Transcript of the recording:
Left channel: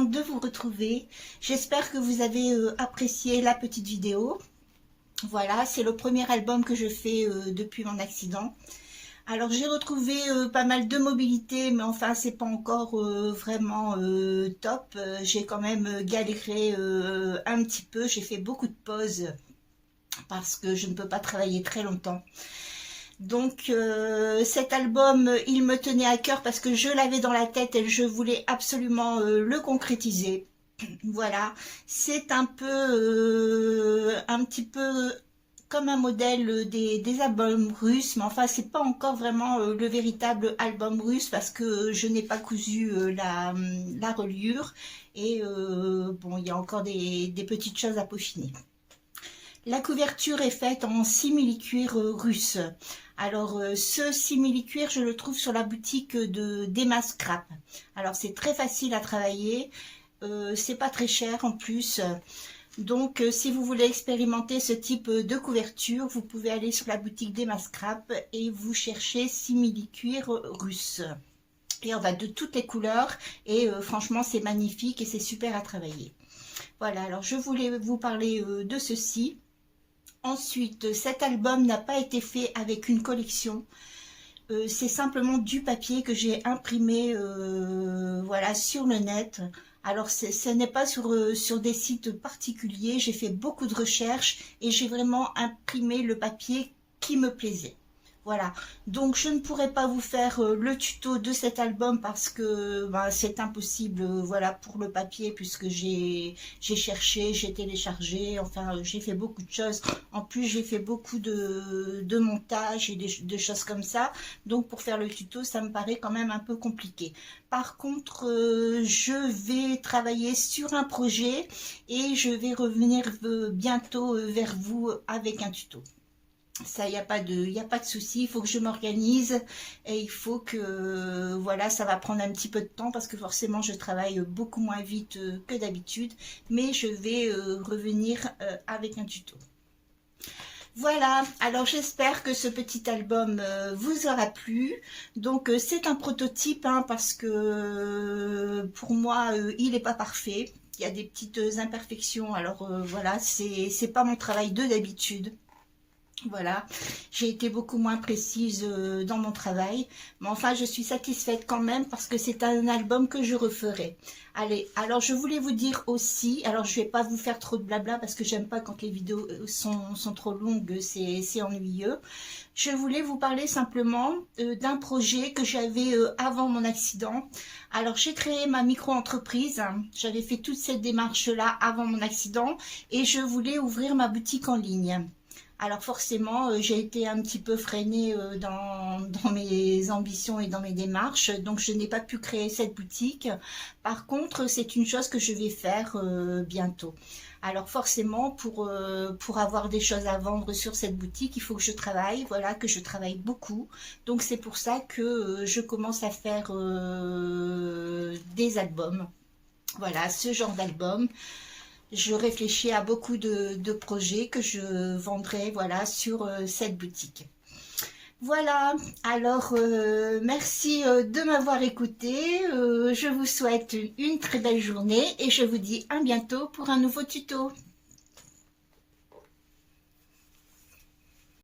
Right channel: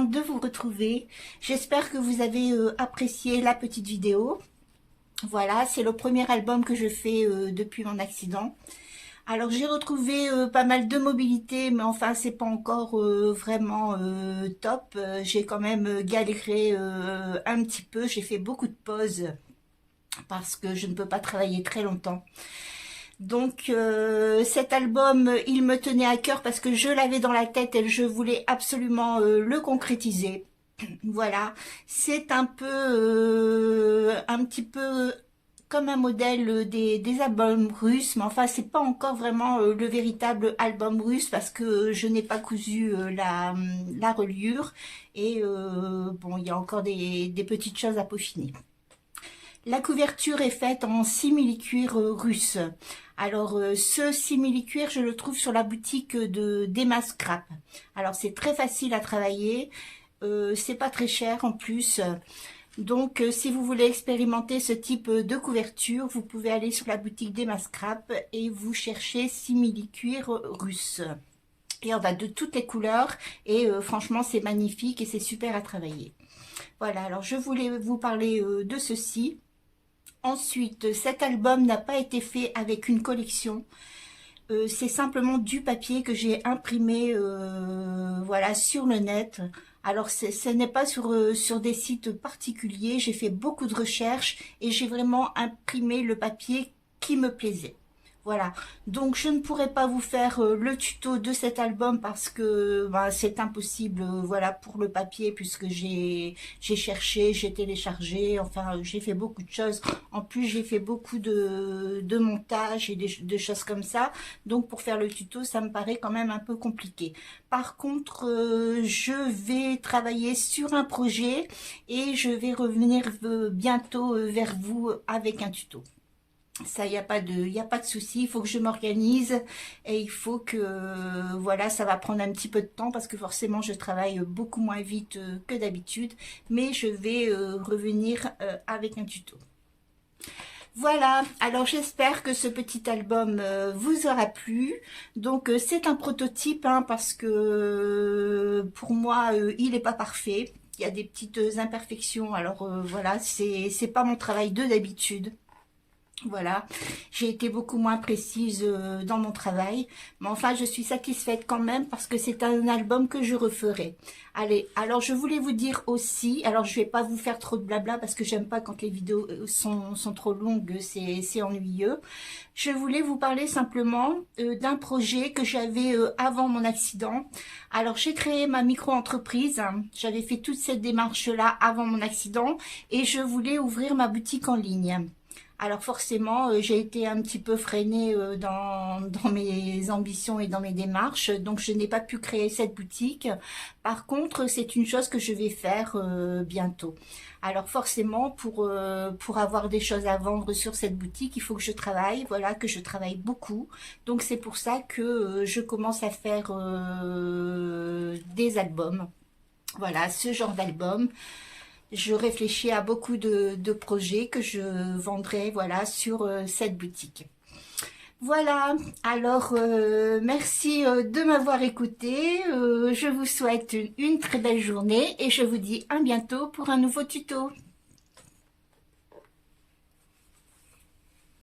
contente de vous retrouver. J'espère que vous avez apprécié la petite vidéo. Voilà, c'est le premier album que je fais depuis mon accident. Alors j'ai retrouvé pas mal de mobilité, mais enfin c'est pas encore vraiment top. J'ai quand même galéré un petit peu, j'ai fait beaucoup de pauses parce que je ne peux pas travailler très longtemps. Donc cet album, il me tenait à cœur parce que je l'avais dans la tête et je voulais absolument le concrétiser. Voilà, c'est un petit peu comme un modèle des albums russes, mais enfin c'est pas encore vraiment le véritable album russe parce que je n'ai pas cousu la reliure et bon, il y a encore des petites choses à peaufiner. La couverture est faite en simili-cuir russe. Alors ce simili-cuir, je le trouve sur la boutique de d'Emma Scrap. Alors c'est très facile à travailler, c'est pas très cher en plus. Donc si vous voulez expérimenter ce type de couverture, vous pouvez aller sur la boutique d'Emma Scrap et vous cherchez simili-cuir russe. Et on a de toutes les couleurs et franchement c'est magnifique et c'est super à travailler. Voilà, alors je voulais vous parler de ceci. Ensuite, cet album n'a pas été fait avec une collection. C'est simplement du papier que j'ai imprimé voilà, sur le net. Alors, ce n'est pas sur des sites particuliers. J'ai fait beaucoup de recherches et j'ai vraiment imprimé le papier qui me plaisait. Voilà, donc je ne pourrais pas vous faire le tuto de cet album parce que bah, c'est impossible, voilà, pour le papier puisque j'ai cherché, j'ai téléchargé, enfin j'ai fait beaucoup de choses. En plus j'ai fait beaucoup de montage et de choses comme ça, donc pour faire le tuto ça me paraît quand même un peu compliqué. Par contre je vais travailler sur un projet et je vais revenir bientôt vers vous avec un tuto. Ça, il n'y a pas de souci, il faut que je m'organise et il faut que, voilà, ça va prendre un petit peu de temps parce que forcément je travaille beaucoup moins vite que d'habitude, mais je vais revenir avec un tuto. Voilà, alors j'espère que ce petit album vous aura plu. Donc c'est un prototype hein, parce que pour moi il n'est pas parfait, il y a des petites imperfections, alors voilà, c'est pas mon travail de d'habitude. Voilà, j'ai été beaucoup moins précise dans mon travail, mais enfin je suis satisfaite quand même parce que c'est un album que je referai. Allez, alors je voulais vous dire aussi, alors je vais pas vous faire trop de blabla parce que j'aime pas quand les vidéos sont trop longues, c'est ennuyeux. Je voulais vous parler simplement d'un projet que j'avais avant mon accident. Alors j'ai créé ma micro-entreprise, j'avais fait toute cette démarche-là avant mon accident et je voulais ouvrir ma boutique en ligne. Alors forcément, j'ai été un petit peu freinée dans mes ambitions et dans mes démarches, donc je n'ai pas pu créer cette boutique. Par contre, c'est une chose que je vais faire bientôt. Alors forcément, pour avoir des choses à vendre sur cette boutique, il faut que je travaille, voilà, que je travaille beaucoup. Donc c'est pour ça que je commence à faire des albums. Voilà, ce genre d'album. Je réfléchis à beaucoup de projets que je vendrai voilà, sur cette boutique. Voilà, alors merci de m'avoir écouté. Je vous souhaite une très belle journée et je vous dis à bientôt pour un nouveau tuto.